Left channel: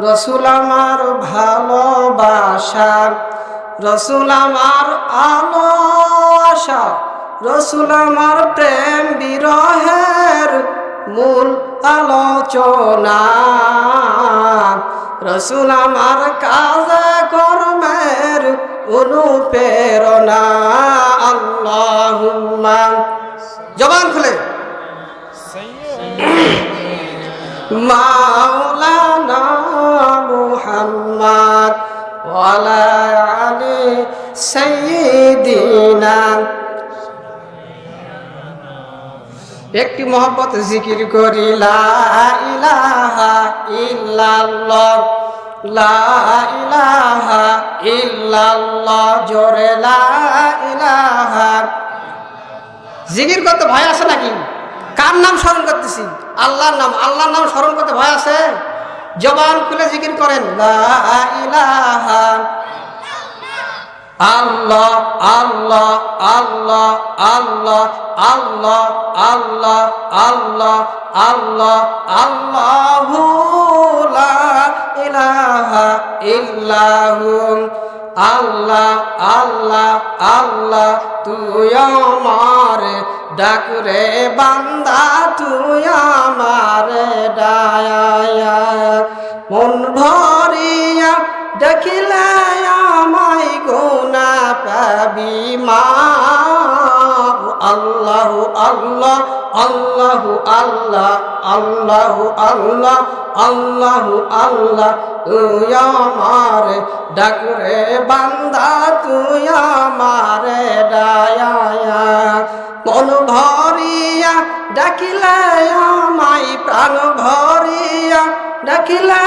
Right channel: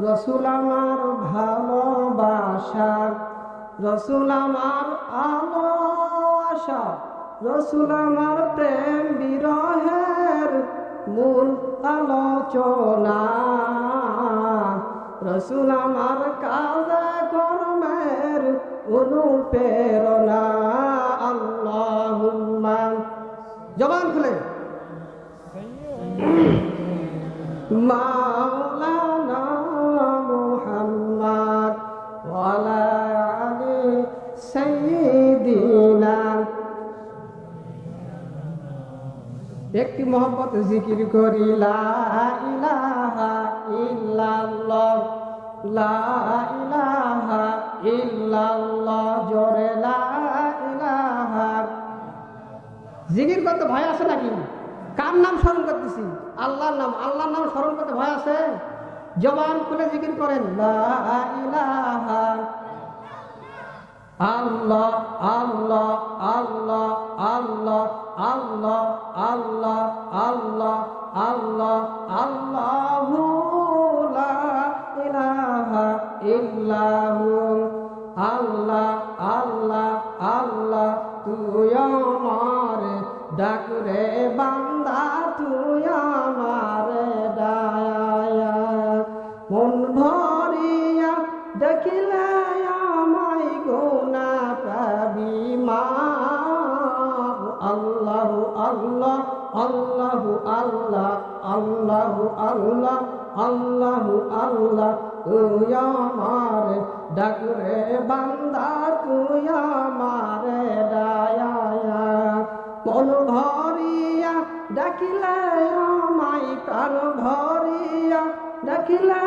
রসুল আমার ভালোবাসা, রসুল আমার আলো আশা, রসুল আমার প্রেম বিরহের মূল আলোচনা, রসুল আমার কাজ কর্মের অনুপ্রেরণা। আল্লাহুম্মা, জবান খুলে, মাওলানা মুহাম্মদ ওয়ালা আলি সাইয়্যিদিনা। একটি মহব্বত জিকির করি, লা ইলাহা ইল্লাল্লাহ, লা ইলাহা ইল্লাল্লাহ, জোরে লা ইলাহা। জিকির করতে ভয় আছে নাকি? কার নাম স্মরণ করতেছি? আল্লাহর নাম। আল্লাহর নাম স্মরণ করতে ভয় আছে? জবান খুলে জিকির করেন, লা ইলাহা আল্লাহ আল্লাহ আল্লাহ আল্লাহ আল্লাহ আল্লাহ আল্লাহ আল্লাহ আল্লাহু লা ইলাহা ইল্লাহু। আল্লাহ আল্লাহ আল্লাহ, তুই আমার ডাক রে বান্দা, তুই আমার ডায়া। মন ভরিয়া ডাকিলে আমায় গুনা পাবি মাপ। আল্লাহু আল্লাহ আল্লাহু আল্লাহ আল্লাহু আল্লাহ আল্লাহু আল্লাহ, তুই আমার ডাক রে বান্দা, তুই আমার ডায়া। মন ভরিয়া ডাকিলে আমায়, প্রাণ ভরিয়া ডাকিলে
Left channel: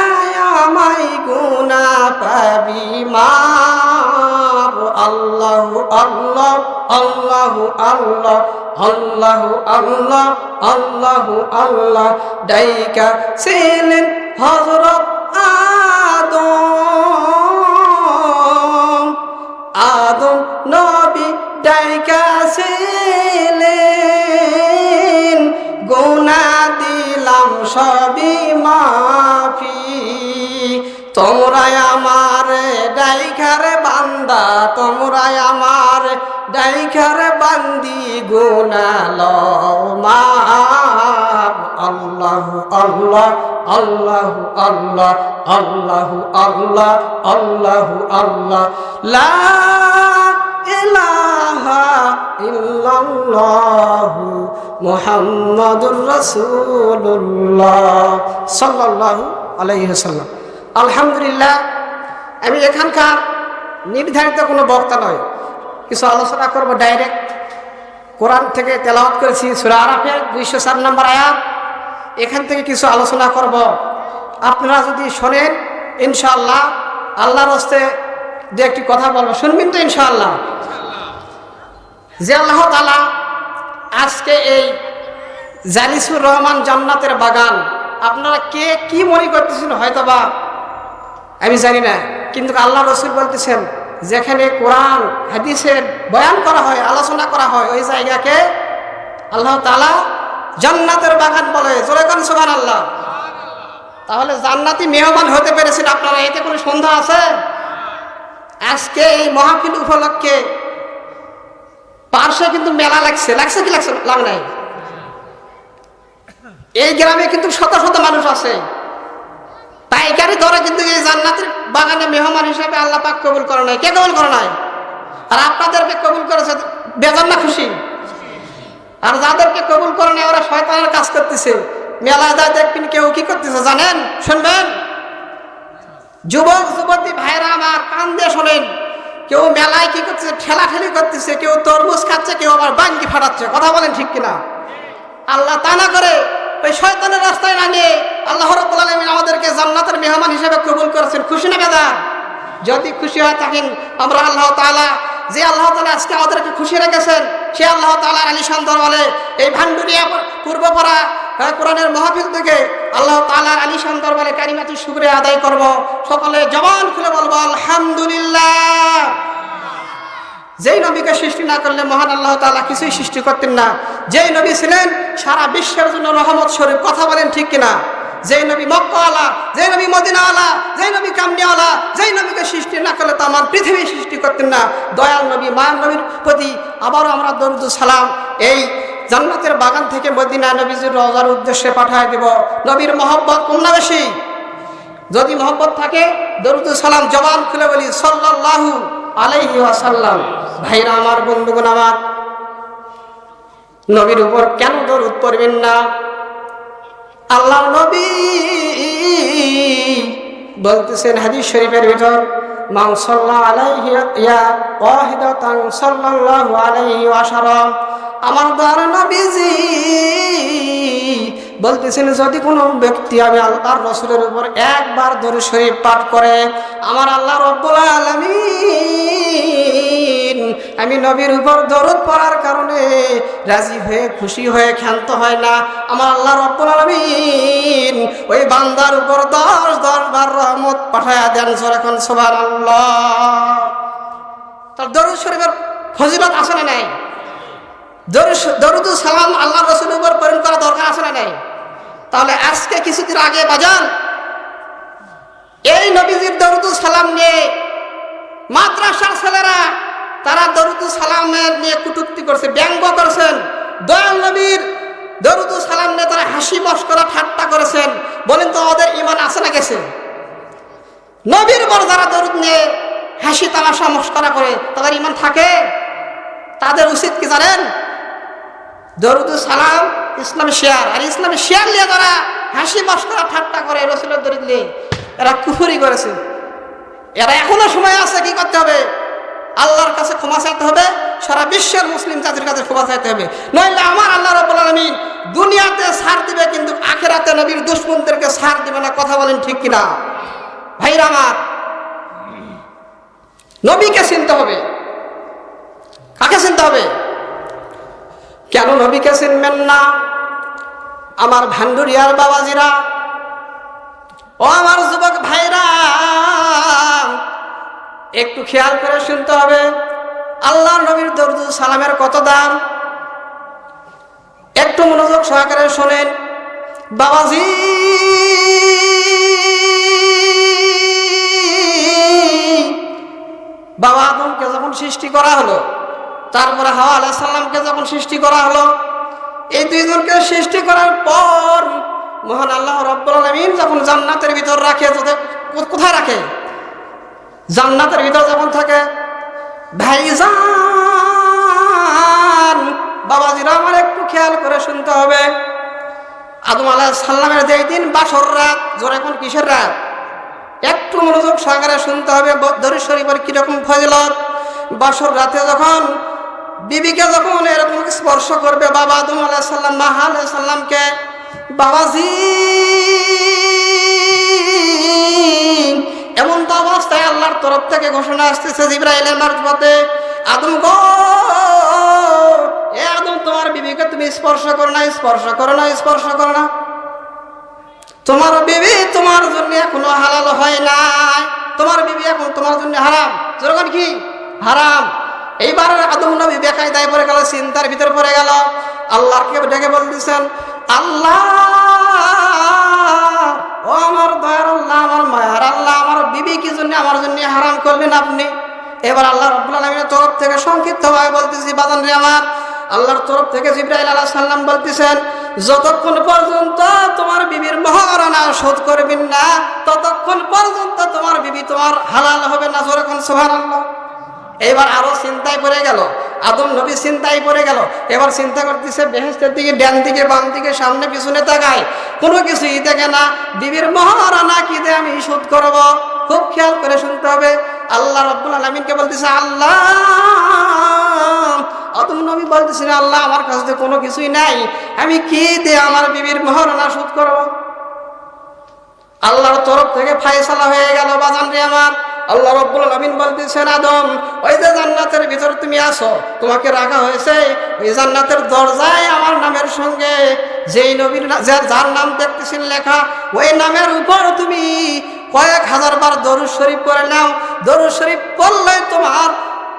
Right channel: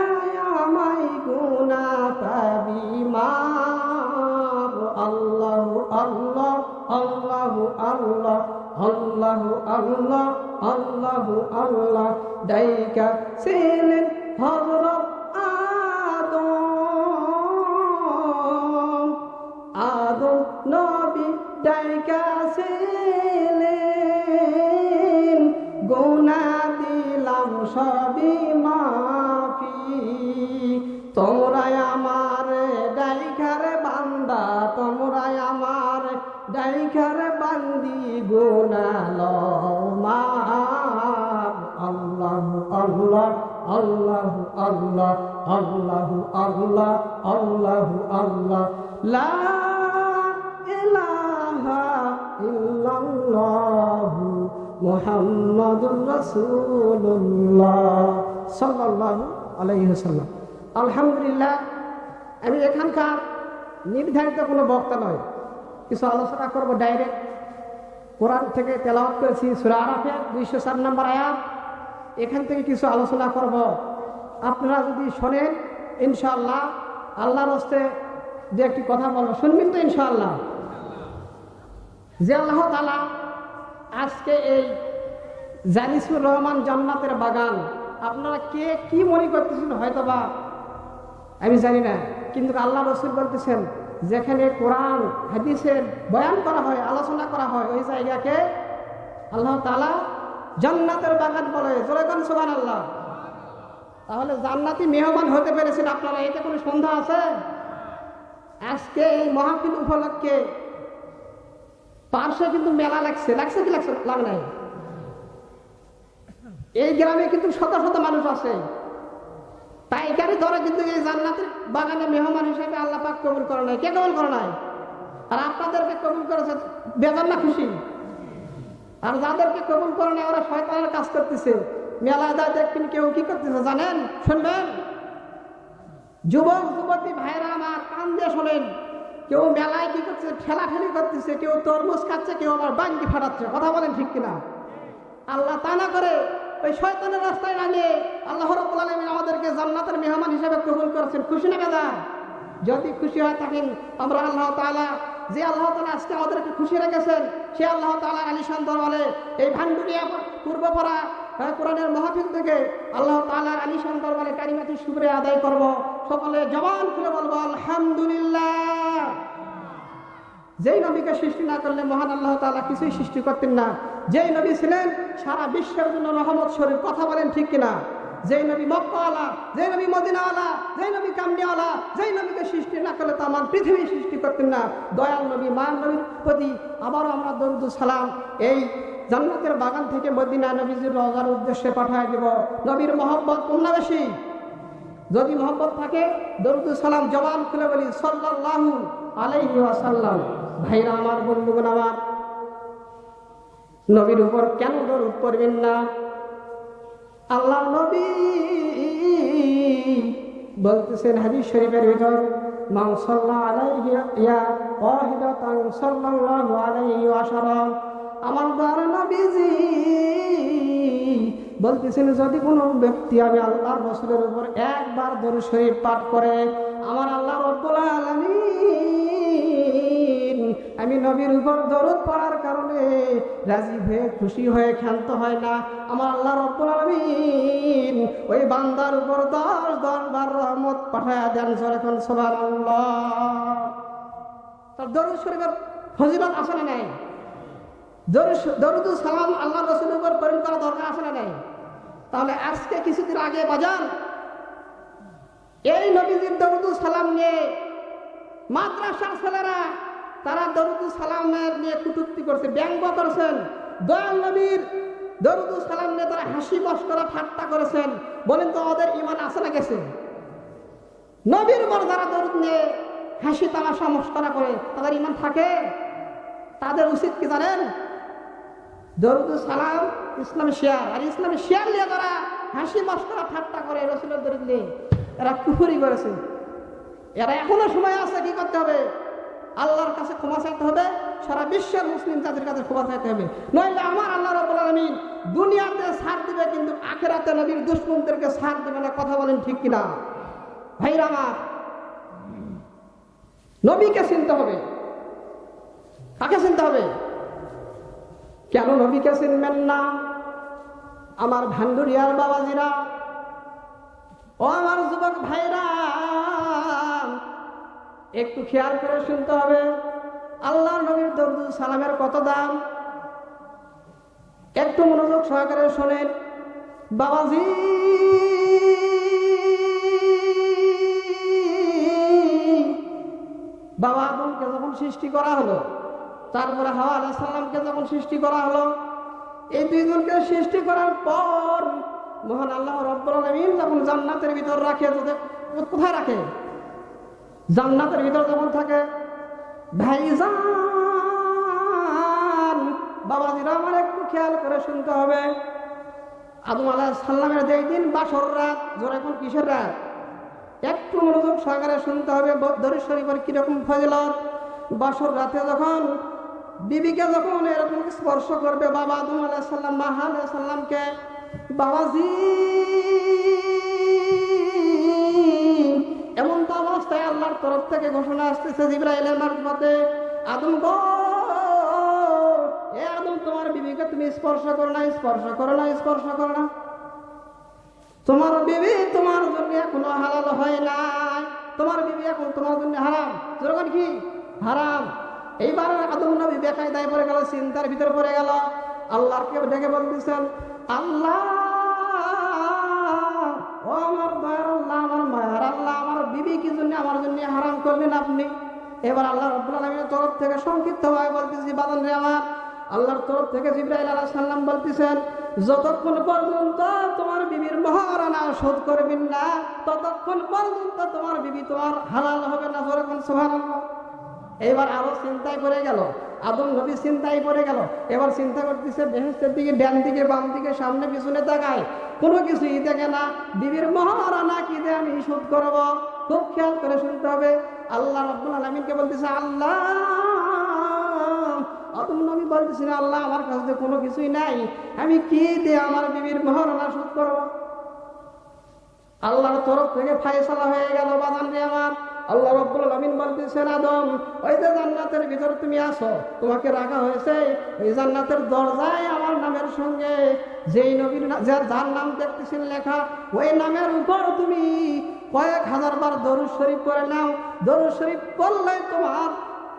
আমায় গুনা পাবি মাপ। আল্লাহু আল্লাহ আল্লাহু আল্লাহ আল্লাহু আল্লাহ আল্লাহু আল্লাহ। ডাইকা ছিলেন হযরত আদম, আদম নবী ডাইকা ছিলেন, গুনাহ দিলাম সবই মাফি। তোমরা আমার ডাইকার বান্দা, তোমরা আমার ডাইকার বান্দি, গুনাহ লও মাফ। আল্লাহু আল্লাহ আল্লাহু আল্লাহ আল্লাহু আল্লাহ আল্লাহু আল্লাহ, লা ইলাহা ইল্লাল্লাহু মুহাম্মাদুর রাসূলুল্লাহ সাল্লাল্লাহু আলাইহি ওয়াসাল্লাম। আলহামদুলিল্লাহ, আমি এখানকার নির্ধারিত কোনো বক্তা নয়, কিছু আলোচনা করব। ডাইরেক্ট কোরআন থেকে তেলাওয়াত করেছি সূরা আরাফের 204 নম্বর আয়াত, এখান থেকে কিছু আলোচনা করব। আপনারা যদি শোনেন ইনশাআল্লাহ, আল্লাহর হস্তে যে একটি কথা বলবো, শুনবেন তো ইনশাআল্লাহ? যে আল্লাহ তাআলা আজকে এই জালিসুর রহমান জান্নাতের বাগান, আপনারা কে কি মনে করতেছেন হয়তোবা আমি জানি না, কিন্তু আল্লাহ রাসূল বলতেছেন যেখানে কোরআন হাদিসের বয়ান করা হয়, আলোচনা করা হয়, ওই জায়গাকে আল্লাহ তাআলা জান্নাতের বাগান বলে। জোরে কোন সুবহানাল্লাহ। তাহলে জান্নাতি মেহমান হতে পেরেছেন আপনারা, এতে কোনো সন্দেহ আছে? আজকে এই মাহফিল উপলক্ষে পার্শ্বে কিন্তু মেলা লাগছে, লাগছে কি লাগছে? লাগ নাই। এই গ্রামে কিন্তু শত শত মানুষ আছে, পাইকারি দরে কিন্তু এই জান্নাতের বাগানে মেহমান হিসেবে আল্লাহ পাক কবুল করে নাই। কে কবুল করে নাই? আর আপনাদেরকে কবুল করেছে, বেজান না খুশি? আর যাদেরকে কবুল করে নাই ওরা শয়তানের কাজ করতেছে। মেলায় যায় দেখবেন কেউ কি করতেছে জানেন? শুনবেন, যুবক যুবতী ভাইরা আমার কান দিয়ে শোনেন, কেউ মেলায় কি করতেছে? ঠেলাঠেলি করতেছে, কেউ তরমুজ খাচ্ছে, কেউ আবার বাঙ্গি ফাটাচ্ছে। কথা বলেন ঠিক কিনা? আল্লাহ তা না করে ওই শয়তানের রাস্তায় না নিয়ে আল্লাহ রাব্বুল আলামিন আমাদেরকে জান্নাতের মেহমান হিসেবে কবুল করেছেন। খুশি না বেদার? যদি খুশি হয়ে থাকেন, আমরা আল্লাহ তাআলা, যে আল্লাহ তাআলা আজকে আমাদেরকে খুশি রেখেছেন, সে আল্লাহ তাআলার আলিশান দরবারে এই ভান্ডুরিয়া পূর্বপাড়া কোরআনের মাহফিল থেকে আল্লাহ তাআলার আলিশান দরবারে কালিমাতুশ শুকরিয়া আদায় করব। সকলে জবান খুলে বলবো আলহামদুলিল্লাহ। যেই নবীকে সৃষ্টি না করলে মহান আল্লাহ তাআলা কিছুই সৃষ্টি করতেন না। যেই নবী ছিলেন সারা বিশ্বের জন্য রহমত স্বরূপ। কথা বলেন ঠিক কিনা? যেই নবী মক্কাওয়ালা, যেই নবী মদিনাওয়ালা, যেই নবী কামনিওয়ালা, যেই নবীকে সৃষ্টি না করলে তো আমার পৃথিবী সৃষ্টি করতেন না। দয়াল নবী মায়ার নবীর প্রতি আবারও আমরা দরুদ সালাম এই জান্নাতের বাগান থেকে মদিনা নবীজির রওজার উদ্দেশ্যে পাঠায় দেব। নবীর মহব্বত কম না বেশি? যদি মহব্বত থাকে দরুদ সালাম জবান খুলে বলি সাল্লাল্লাহু আলাইহি ওয়াসাল্লাম। ভাইরা আমার, বন্ধুগণ আমার, নবীর উপর কেন দরুদ পড়বেন না? আল্লাহর নবী বলতেছেন হাদিস শরীফের ভিতর, মান সাল্লা আলাইহি ইয়া ওয়াহিদাতান সাল্লাল্লাহু আলাইহি ওয়াসাল্লাম। আমার দয়ার নবীজি বলতেছেন, যদি কোনো ব্যক্তি আমি আল্লাহর রাসূলের উপর একবার দরুদ শরীফ পাঠ করে, আমার আল্লাহ রব্বুল আলামিন আমি নবীর উপর দরুদ পড়ার কারণে রাজি হয়ে খুশি হয়ে ক্ষান্ত হয় না। আমার আল্লাহ রব্বুল আলামিন ওই বান্দার উপর 10 বার রহমত পাঠায়া দেন। যখন সুবহানাল্লাহ। তার দরুদ শরীফের ফজিলত আছে না নাই? দরুদ সালাম আল্লাহ রাসূলের উপর প্রেরণ করা দরকার আছে না নাই? তাহলে আজকে কিছুদিন আগে বাজান এই নবীজির দরুদ সালাম নিয়ে মাদ্রাসার ছেলেরা তারা দরুদ সালামের নিয়ে কটূক্তি করছে, ব্যঙ্গ করছেন। দয়াল নবীর দরুদ সালাম নিয়ে তারা হাসি মশকরা ঠাট্টা করেছেন। বলেন তো ওদের ঈমান আছে না গেছে? নবীর উপর যারা দরুদ নিয়ে হাসি তামাশা মশকরা করে তাদের ঈমান থাকে? তাদের উচিত কি জানেন? দরুদ সালাম ইসলামী শেয়ার, আর ইসলামী শেয়ার নিয়ে যারা হাসি মশকরা ঠাট্টা করে রাসূলের দরুদ নিয়ে, এরা কুফরি করেছে। এরা এখনো সময় আছে, কি করতে হবে? আল্লাহর কাছে ক্ষমা চাইতে হবে, সারা বিশ্বের মুসলিম জাতির কাছে ক্ষমা চাইতে হবে। নইলে আমার আল্লাহ রাব্বুল আলামিন দুনিয়াতে ছাড় দিবে, কিন্তু আখিরাতে নবীর দুশমনদেরকে ছাড় দিবে না। কথা বলেন ঠিক কিনা? ভাইরা আমার, নবীকে চিনতে হবে। কাকে চিনতে হবে? কেন নবীকে চিনবেন না? আমার ভান্ডুরিয়ার বাবাজিরা, ও আমার যুবক ভাইরা, একটু খেয়াল করে শুনতে হবে। আল্লাহর নবীর দরুদ সালামের কত দাম, একটু মনোযোগ সহকারে শোনেন বাবাজি। বাবা আদমকে যখন সৃষ্টি করা হলো, তারপরে হাওয়া আলাইহিস সালামকে যখন সৃষ্টি করা হলো, এই দুইজনকে সৃষ্টি করার পর মহান আল্লাহ রাব্বুল আলামিন যখন জান্নাতের ভিতর রাখে, কোথায় রাখে? জান্নাতের ভিতর যখন থাকে, ভাইজান বাবাজিরা আমার একটু খেয়াল করে শুনতে হবে। আদম আলাইহিস সালামের যেই দিন বাসর রাত, জোরে কোন কিসের রাত? একটু মনোযোগ সহকারে শুনতে হবে দরুদ শরীফের কিরকম ফজিলত। বাসর রাতে যখন বিবিকে যখন এরকম স্পর্শ করবে বাবা আদম আলাইহিস সালাম মা হাওয়া আলাইহিস সালামকে, বাবাজি এমন তো অবস্থায় আল্লাহর তরফ থেকে ঘোষণা আসতেছে জিবরাইলের মারফতে, আদম গো, এ আদম তোমার বিবিকে তুমি স্পর্শ করো না, স্পর্শ করো না, স্পর্শ করো না। তোমার বিবি তোমার জন্য এখনো হালাল হয় নাই, তোমার বিবি এখন তোমার জন্য হারাম। যেরকম কি হারাম। এইবার আদম নবী বেকায়দায় পড়ে গেল, চিন্তার ভিতরে পড়ে গেল। আল্লাহকে ডেকে বলতেছেন, আল্লাহ ও আমার দয়ার আল্লাহ, আমার মায়ার আল্লাহ, আমার বিবি কি জন্য আমার জন্য হারাম করলেন আপনি? এবার আল্লাহ রাব্বুল আলামিনের তরফ থেকে সংক্ষিপ্তভাবে বলতেছি বাজান রে আমার, আল্লাহর তরফ থেকে জিবরাইল আলাইহিস সালাম বলতেছেন, যতক্ষণ পর্যন্ত তোমার বিবির মহারণা শোধ করবেন না, ততক্ষণ পর্যন্ত তোমার বিবি তোমার হালাল হবে না। যখন সুবহানাল্লাহ। এবার আরো চিন্তায় পড়ে গেল, আদম নবী চিন্তায় পড়ে গেল। এবার চিন্তা করতেছে বেহেশতের দিকে, ডান দিকে, বাম দিকে, সামনে পিছনে তাকায়, কোনো কিছুই দেখে না। বিবির মহারণা কি দিয়ে আমি শোধ করব? খুব খেয়াল করে শুনতে হবে। আল্লাহ রাব্বুল আলামিনকে বলতেছে, আল্লাহ, আদম নবী বলতেছেন, আল্লাহ আমার কাছে কোনো কিছুই নাই, আমি কি দিয়ে আমার বিবির মহারণা শোধ করব? আল্লাহর তরফ থেকে ফায়সালা হয়ে গেল বাজান রে আমার। আল্লাহ রাব্বুল আলামিন বলতেছেন, আদম ওই যে জান্নাতের ভিতর তুমি আসো, তোমাকে রাখা হয়েছে ওই জান্নাতের দরজায় আমার নামের সঙ্গে যেই নবীর যার নাম দেখতেছেন লেখা, ওই নামের উপর তুমি কয়েক হাজার বার দরুদ শরীফ করে নাও। দরুদ শরীফ পড়লে তোমার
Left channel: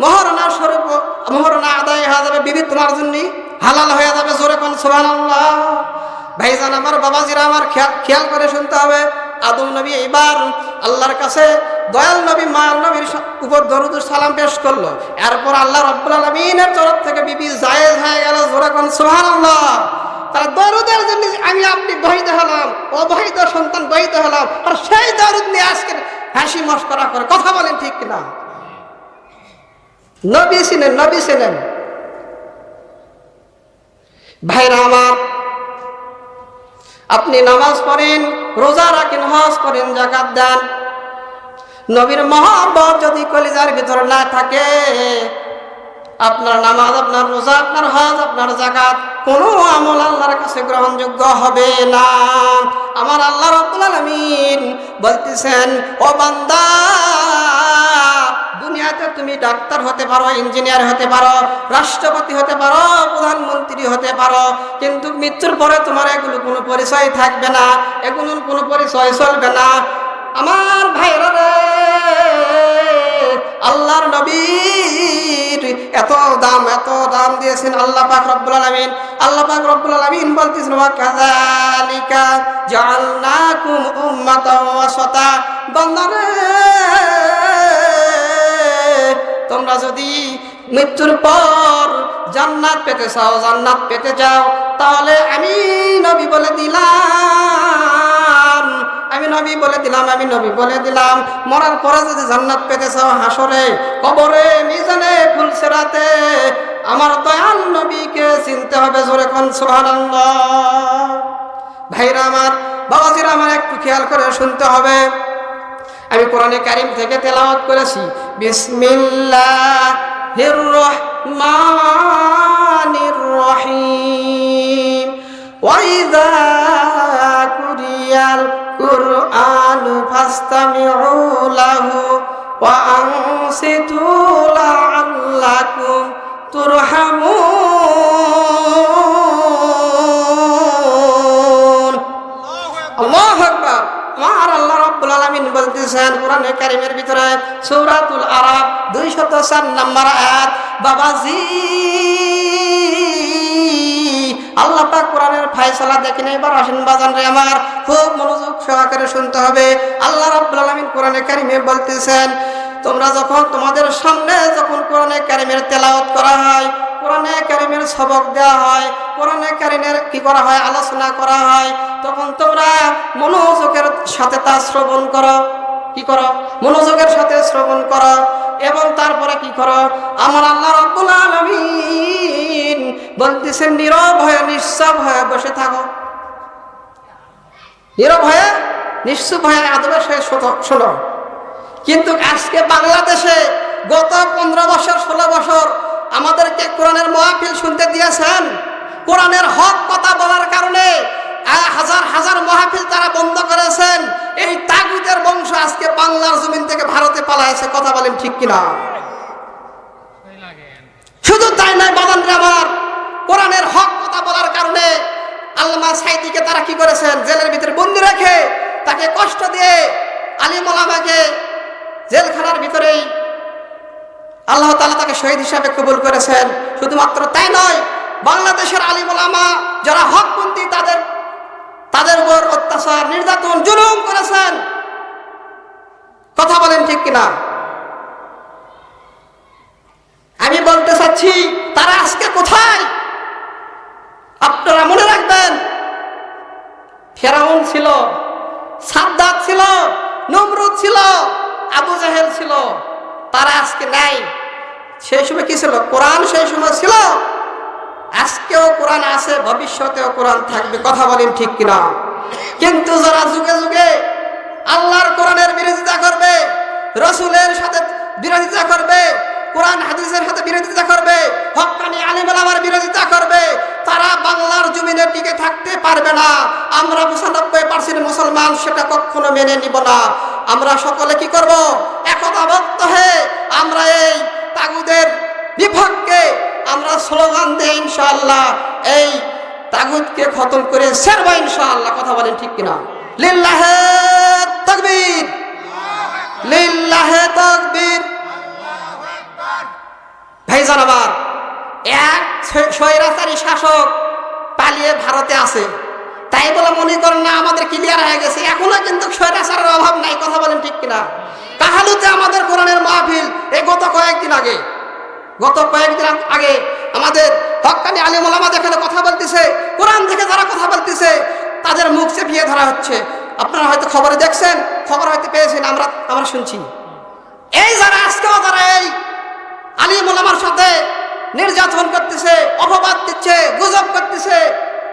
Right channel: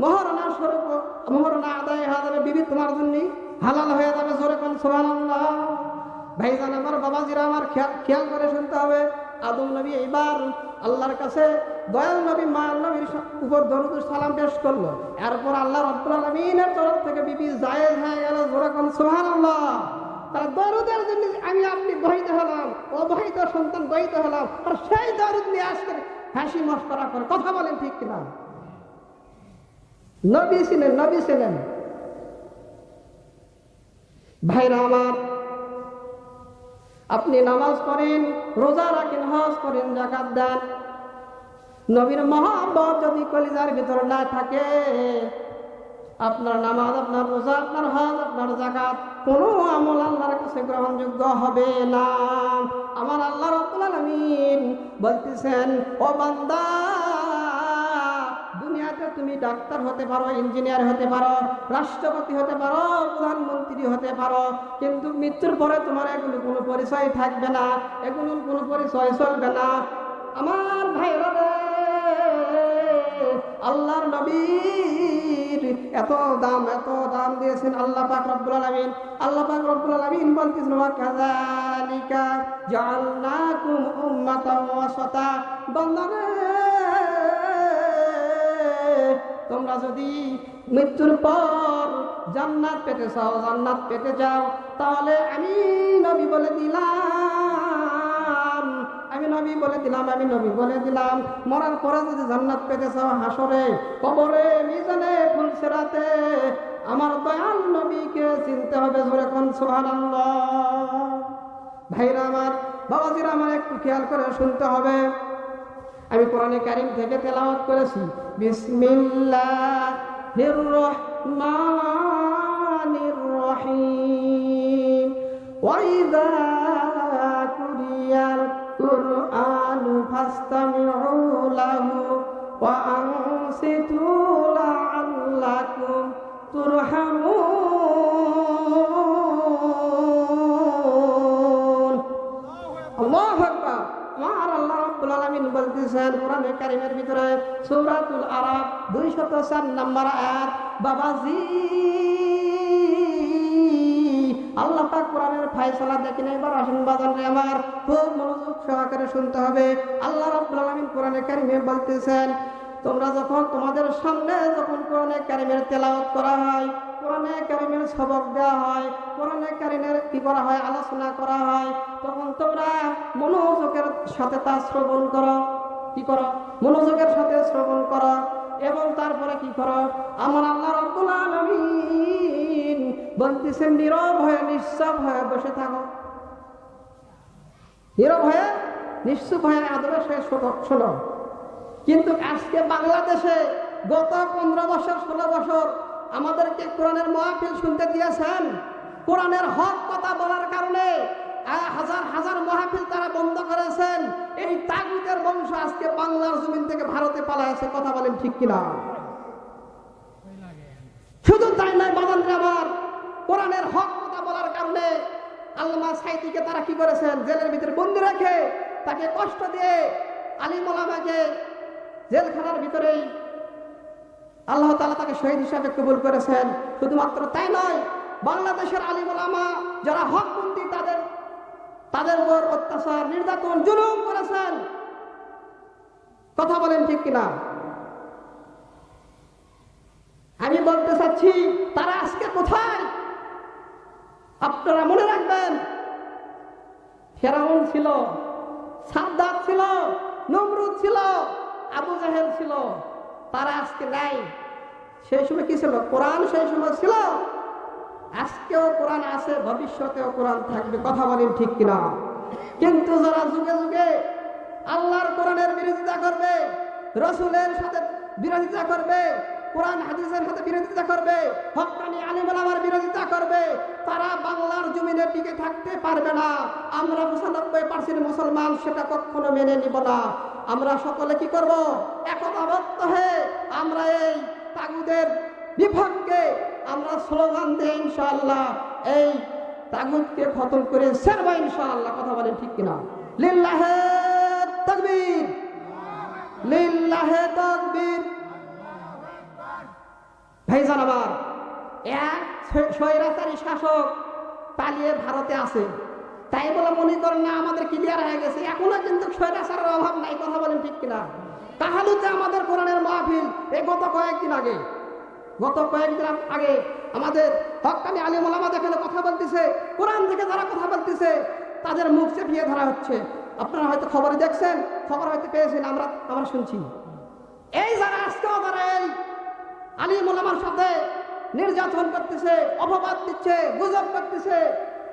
মহারণা স্বরূপ মহারণা আদায় হয়ে যাবে, বিবি তোমার জন্য হালাল হয়ে যাবে। জোরে কোন সুবহানাল্লাহ। ভাইজান আমার, বাবাজিরা আমার, খেয়াল করে শুনতে হবে। আদম নবী এইবার আল্লাহর কাছে দয়াল নবী মায়াল নবীর উপর দরুদ সালাম পেশ করলো। এরপর আল্লাহ রাব্বুল আলামিনের তরফ থেকে বিবি জায়েজ হয়ে গেল, জোরে কোন সুবহানাল্লাহ। তার দরুদের জন্য আমি আপনি বহিত হলাম, অবহিত সন্তান বহিত হলাম, আর সেই দরুদ নিয়ে আজকে হাসি মস্করা করে কথা বলেন, ঠিক কিনা? নবী ছিলেন, নবী ছিলেন। ভাইরা আমার, আপনি নামাজ পড়েন, রোজা রাখেন, হজ করেন, যাকাত দেন, নবীর মহব্বত যদি কলিজার ভিতর না থাকে, আপনার নামাজ, আপনার রোজা, আপনার হজ, আপনার যাকাত কোনো আমল আল্লাহর কাছে গ্রহণযোগ্য হবে না। আমার আল্লাহ রাব্বুল আলামিন বলতেছেন, ও বান্দা, দুনিয়াতে তুমি ডাক্তার হতে পারো, ইঞ্জিনিয়ার হতে পারো, রাষ্ট্রপতি হতে পারো, প্রধানমন্ত্রী হতে পারো, কিন্তু মৃত্যুর পরে তোমার এগুলো কোনো পরিচয় থাকবে না, এগুলোর কোনো পরিচয় চলবে না। আমার ভাইরা রে, আল্লাহর নবীর এত দাম দিয়েছেন আল্লাহ পাক রব্বুল আলামিন। আল্লাহ পাক রব্বুল আলামিন বলতেছেন, ওয়া কাযালিকা জাআলনাকুম উম্মাতাও ওয়াসাতা। বান্দারে, তোমরা যদি মৃত্যুর পর জান্নাত পেতে চাও, জান্নাত পেতে চাও, তাহলে আমি নবী বলে দিলাম, মরার পরে যদি জান্নাত পেতে চাও, হাসরে, কবরে, মিজানে, ফুলসিরাতে আমার দয়াল নবীকে চিনতে হবে, জোরে কোন সুবহানাল্লাহ। ভাইরা আমার, বাবাজিরা আমার, একটু খেয়াল করে শুনতে হবে। আমি কোরআনে কারীম থেকে তেলাওয়াত করেছি, বিসমিল্লাহির রহমানির রহিম, ওয়া ইযা কুরিয়াল কুরআনু ফাসতামিউ লাহু ওয়া আনসিতু লাআল্লাকুম তুরহামুন। আল্লাহু আকবার। আমার আল্লাহ রাব্বুল আলামিন বলতেছেন কোরআনে কারীমের ভিতরে, সূরাতুল আরাফ 204 নম্বর আয়াত, বাবাজি, আল্লাহ পাক কোরআনের ফয়সালা দেখেন। এবার আসেন বাজান রে আমার, খুব মনোযোগ সহকারে শুনতে হবে। আল্লাহ রাব্বুল আলামিন কোরআনে কারীমে বলতেছেন, তোমরা যখন, তোমাদের সামনে যখন কোরআনে কারীমের তেলাওয়াত করা হয়, কোরআনে কারীমের সবক দেওয়া হয়, কোরআনে কারীমের কি করা হয়, আলোচনা করা হয়, তখন তোমরা মনোযোগের সাথে তা শ্রবণ করো। কি করো? মনোযোগের সাথে শ্রবণ করো। এবং তারপরে কি করো? আমার আল্লাহ রাব্বুল আলামিন বলতেছেন, নীরব হয়ে, নিশ্চুপ হয়ে বসে থাকো। নীরব হয়ে, নিশ্চুপ হয়ে আদবের সাথে শোনো। কিন্তু আজকে বাংলাদেশে গত 15 বছর, 16 বছর আমাদেরকে কোরআনের মাহফিল শুনতে দিয়েছেন। কোরআনের হক কথা বলার কারণে হাজার হাজার মাহফিল তারা বন্ধ করেছেন। এই তাগুতের বংশ আজকে বাংলার জমিন থেকে ভারতে পালাইছে, কথা বলেন ঠিক কিনা? শুধু তাই নয় বাদানরে আমার, কোরআনের হক কথা বলার কারণে আল্লামা সাঈদীকে তারা কি করেছেন, জেলের ভিতরে বন্দী রেখে তাকে কষ্ট দিয়ে আলিম ওলামাকে জেলখানার ভিতরেই আল্লাহ তাআলা তাকে শহীদ হিসাবে কবুল করেছেন। শুধুমাত্র তাই নয়, বাংলাদেশের আলিম ওলামা যারা হকপন্থী তাদের উপর অত্যাচার, নির্যাতন, জুলুম করেছেন, কথা বলেন ঠিক কিনা? আমি বলতে চাচ্ছি, তারা আজকে কোথায়? আপনারা মনে রাখবেন, ফেরাউন ছিল, সাদ্দাত ছিল, নমরুদ ছিল, আবু জাহেল ছিল, তারা আজকে নাই। সেই সময় কি ছিল? কোরআন সেই সময় ছিল। আজকেও কোরআন আছে, ভবিষ্যতেও কোরআন থাকবে, কথা বলেন ঠিক কিনা? কিন্তু যারা যুগে যুগে আল্লাহর কোরআনের বিরোধিতা করবে, রাসূলের সাথে বিরোধিতা করবে, কোরআন হাদিসের সাথে বিরোধিতা করবে, হক্কানি আলিম ওলামার বিরোধিতা করবে, তারা বাংলার জমিনে টিকে থাকতে পারবে না। আমরা 95% মুসলমান সেটা কখনো মেনে নিব না। আমরা সকলে কি করব? একতাবদ্ধ হয়ে আমরা এই তাগুদের বিপক্ষে আমরা স্লোগান দেই, ইনশাআল্লাহ এই তাগুতকে খতম করে ছাড়ব ইনশাআল্লাহ, কথা বলেন ঠিক কিনা? লিল্লাহে তাকবীর, লিল্লাহে তাকবীর। ভাইজান আমার, এক স্বৈরাচারী শাসক পালিয়ে ভারতে আছে, তাই বলে মনে করেন না আমাদের ক্লিয়ার হয়ে গেছে, এখনো কিন্তু স্বৈরাচারের অভাব নাই। কথা বলেন ঠিক কিনা? কাহালুতে আমাদের কোরআনের মাহফিল এই গত কয়েকদিন আগে আমাদের হক্কানি আলিম ওলামা এখানে কথা বলতেছে, কোরআন থেকে যারা কথা বলতেছে তাদের মুখ চেপিয়ে ধরা হচ্ছে। আপনারা হয়তো খবরে দেখছেন, খবর হয়তো পেয়েছেন, আমরা শুনছি। এই যারা আজকেও যারা এই আলিম ওলামার সাথে নির্যাতন করতেছে, অপবাদ দিচ্ছে, গুজব করতেছে,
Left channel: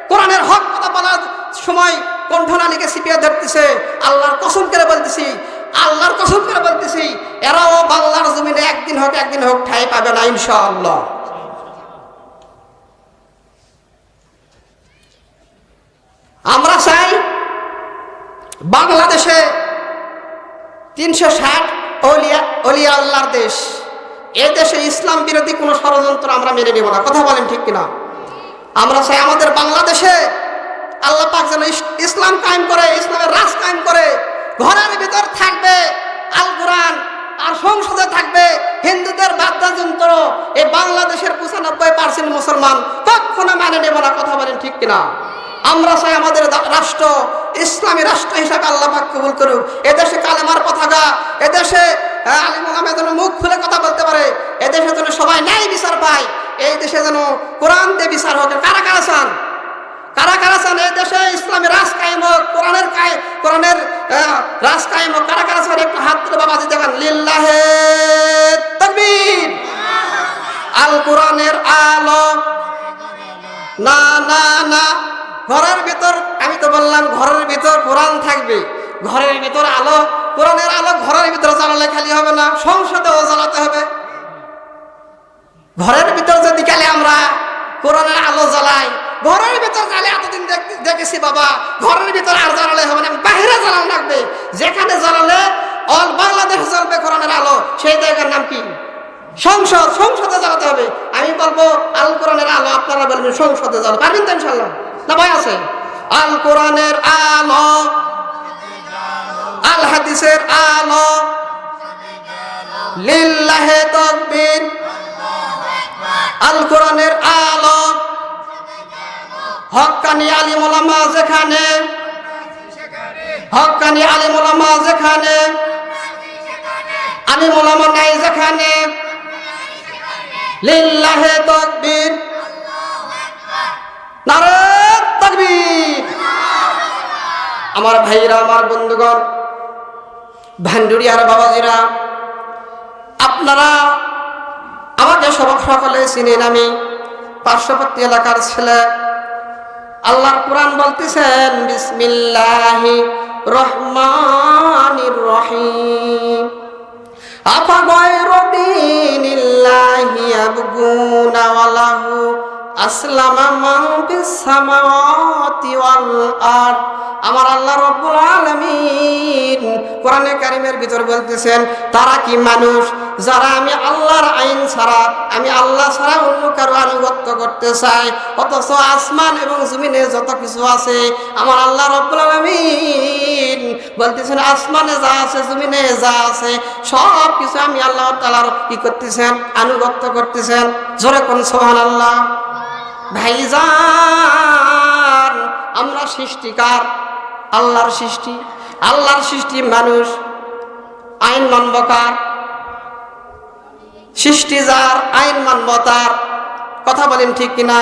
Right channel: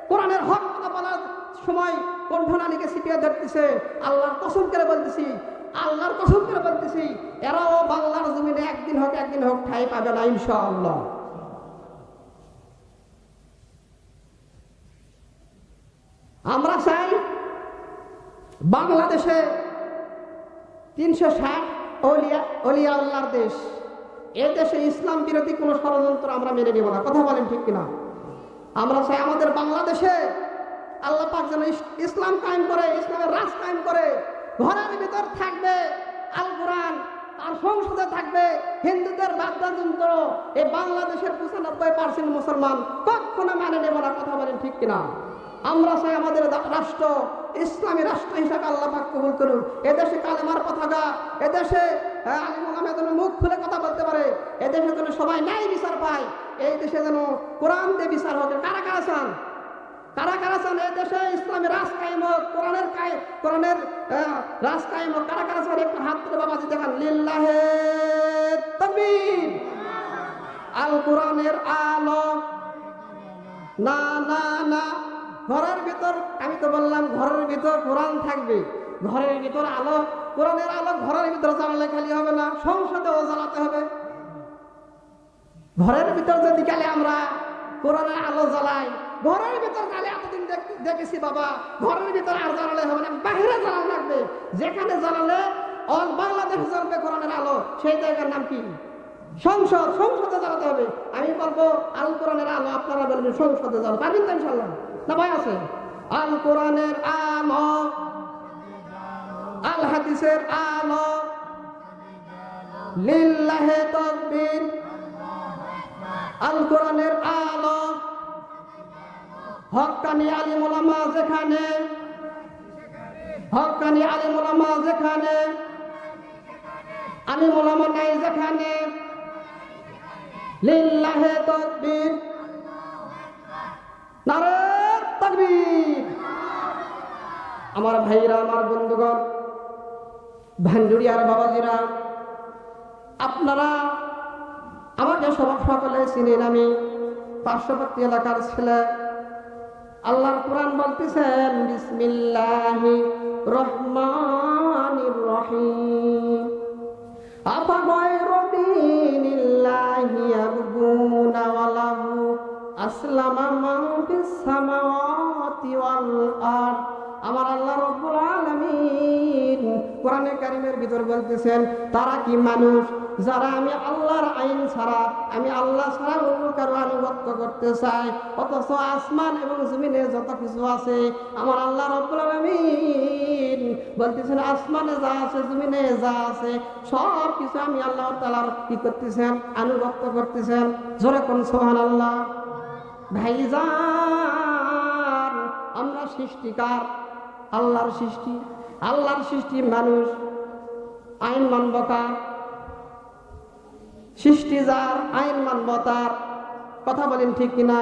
কোরআনের হক কথা বলার সময় কণ্ঠনালীকে চিপিয়ে ধরতেছে, আল্লাহর কসম করে বলতেছি এরাও বাংলার জমিনে একদিন হোক ঠাঁই পাবে না ইনশাআল্লাহ। আমরা চাই বাংলাদেশে 360 অলিয়া আল্লাহর দেশ, এই দেশে ইসলাম বিরোধী কোনো ষড়যন্ত্র আমরা মেনে নেব না। কথা বলেন ঠিক কিনা? আমরা চাই আমাদের বাংলাদেশে আল্লাহ পাক যেন ইসলাম কায়েম করে, ইসলামের রাজ কায়েম করে। ঘরের ভিতর থাকবে আল কোরআন, আর সংসদে থাকবে হিন্দুদের বাদ্যযন্ত্র। এই বাংলাদেশের 95% মুসলমান কখনো মানে নেব না। কথা বলেন ঠিক কিনা? আমরা চাই আমাদের রাষ্ট্র ইসলামী রাষ্ট্র হিসাবে আল্লাহ পাক কবুল করুক। এদেশে কালেমার পতাকা, এদেশে আলিম ওলামা যেন মুখ খুলে কথা বলতে পারে, এদেশে যেন সবাই ন্যায় বিচার পায়, এই দেশে যেন কোরআন দিয়ে বিচার হোক। কারা কারা চান এই দেশে ইসলামী রাজ কায়েম হোক, কোরআনের রাজ কায়েম হোক? কারা কারা চান একটু হাত তুলে বাবাজি দেখান। লিল্লাহে তাকবীর। আল কোরআনের আলো। না না না, ঘরের ভিতর, আমি তো বললাম ঘরের ভিতর কোরআন থাকবে, ঘরের ভিতর আলো, কোরআনের আলো ঘরের ভিতর জ্বালালে খালি হবে না, সংসদেও জ্বালাতে হবে। ঘরের ভিতর যদি গেলে আমরা কোরআনের আলো জ্বালাই, ঘরের ভিতর জ্বালে এতদিন দেখেছি বাবা, ঘরের ভিতর আর জ্বালালে হবে না, বাইরে জ্বালানো লাগবে। যেখানে জ্বালালে অল বাংলাদেশ জ্বলবে কোরআনের আলো, সেই জায়গার নাম কি? সংসদে জ্বালাতে হবে। আমি বলবো আল কোরআনের আলো, আপনারা বলবেন সংসদে জ্বালাতে পারবেন তো ইনশাল্লাহ? না ভয় আছে? আল কোরআনের আলো, আল হাদিসের আলো, লিল্লাহে তাকবীর। আল কোরআনের আলো, হক্কানি আলিম ওলামা যেখানে, হক্কানি আলিম ওলামা যেখানে, আলিম ওলামা নাই যেখানে, লিল্লাহে তাকবীর, নারে তাকবীর। আমার ভাইরা, আমার বন্ধুগণ, ভান্ডুরিয়ার বাবাজিরা, আপনারা আমাকে সকলে চিনেন, আমি পার্শ্ববর্তী এলাকার ছেলে। আল্লাহর কোরআন বলতেছেন বিসমিল্লাহির রহমানির রহিম। আফা গায়রা দীনিল্লাহি ইয়াবগুনা ওয়া লাহু আসলামা মান ফিস সামাওয়াতি ওয়াল আরদ। আমার আল্লাহ রাব্বুল আলামিন কোরআনে কারীমের ভিতর বলতেছেন, তারা কি মানুষ যারা আমি আল্লাহর আইন ছাড়া, আমি আল্লাহ ছাড়া অন্য কারো আনুগত্য করতে চায়, অথচ আসমান এবং জমিনে যত কিছু আছে আমার আল্লাহ রাব্বুল আলামিন বলতেছেন আসমানে যা আছে জমিনে যা আছে সব কিছু আমি আল্লাহ তাআলার কি করতেছেন? আনুগত্য করতেছেন। জোরে কোন সুবহানাল্লাহ। ভাইজান, আমরা সৃষ্টিকার, আল্লাহর সৃষ্টি মানুষ, আইন মানব কার? সৃষ্টি যার, আইন মানব তার। কথা বলেন ঠিক কিনা?